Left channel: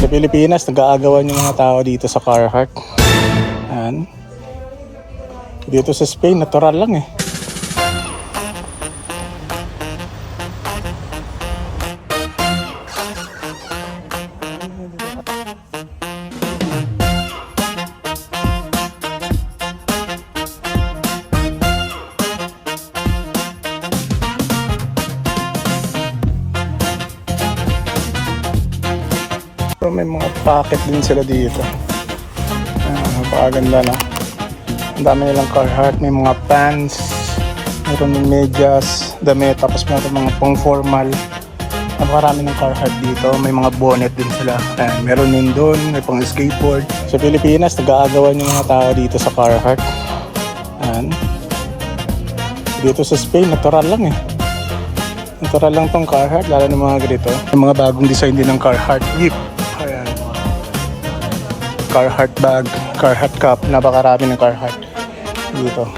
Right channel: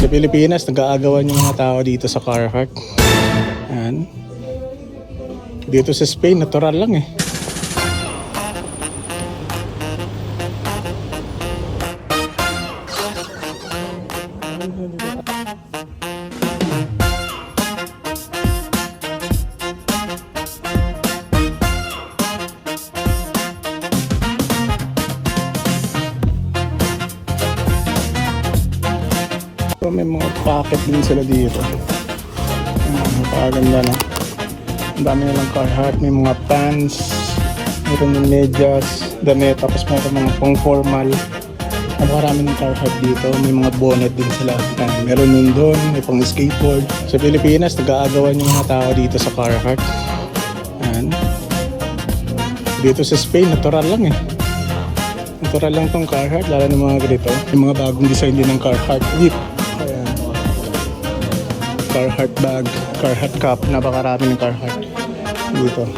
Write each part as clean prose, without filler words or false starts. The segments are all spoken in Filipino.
Sa Pilipinas, nag-aagawan yung mga tao dito sa Carhartt. Ayan. Dito sa Spain, natural lang eh. So, may mga packet din sila dito. Napakaganda na. Ang dami nilang Carhartt. May mga pants, mayroon ng medyas, damit, tapos mayroon mga pang formal. Napakarami ng Carhartt dito. May mga bonnet din sila. Meron din doon, may pang skateboard. Sa Pilipinas, nag-aagawan yung mga tao dito sa Carhartt. Ayan. Dito sa Spain, natural lang eh. Natural lang tong Carhartt, lalo ng mga ganito. May mga bagong design din ng Carhartt whip. Ayan. Carhartt bag, Carhartt cup, napakarami ng Carhartt dito.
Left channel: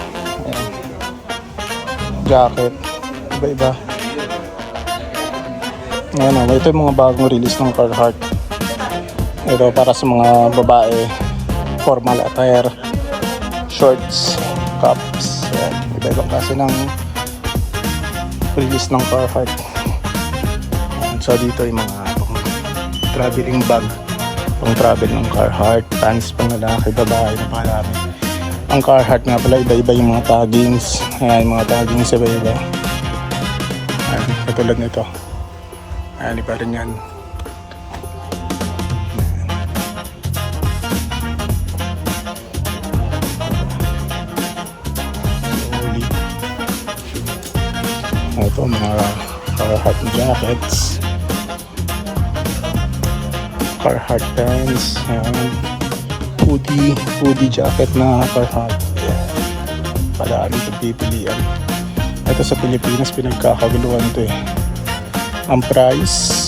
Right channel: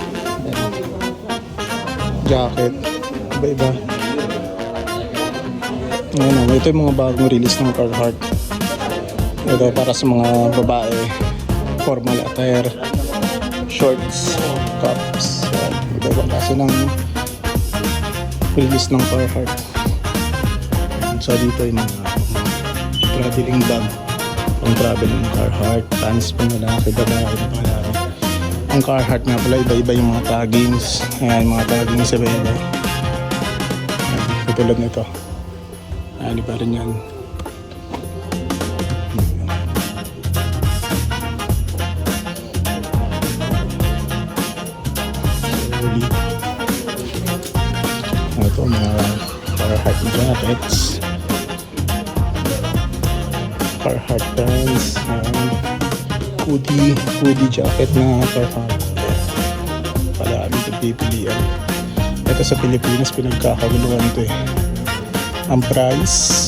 Ayan. Jacket, iba-iba. Ano, ito yung mga bagong release ng Carhartt. Ito para sa mga babae, formal attire, shorts, cups. Ayan. Iba-iba kasi ng release ng Carhartt. So dito yung mga traveling bag, pang travel ng Carhartt, pants pang lalaki, babae, napakarami. Ang Carhartt nga pala, iba-iba yung mga taggings. Yung mga taggings sa iba. Katulad nito. Ayan, iba rin yan. Ito mga Carhartt jackets, Carhartt pants, hoodie jacket na Carhartt. Palagi ito pipilian. Ito sa Pilipinas pinagkakaguluhan ito eh. Ang price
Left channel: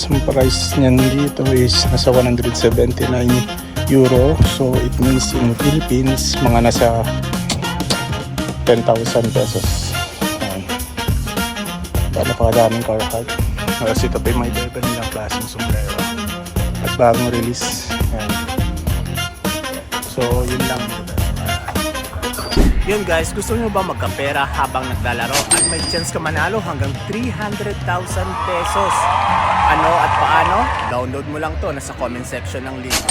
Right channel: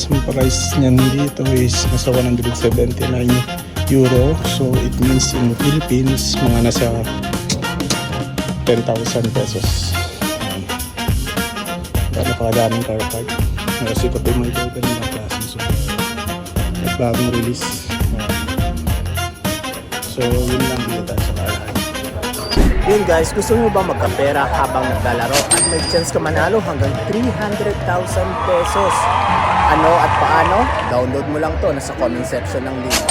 niyan dito is nasa 179 euro. So it means in the Philippines mga nasa 10,000 pesos. Napakadaming Carhartt. Kasi ito pa yung may iba nilang klaseng sombrero at bagong release. So yun lang dito tayo sa Carhartt. Yun guys, gusto nyo ba magkapera habang naglalaro at may chance ka manalo hanggang 300,000 pesos? Ano at paano? Download mo lang to, nasa comment section ng link.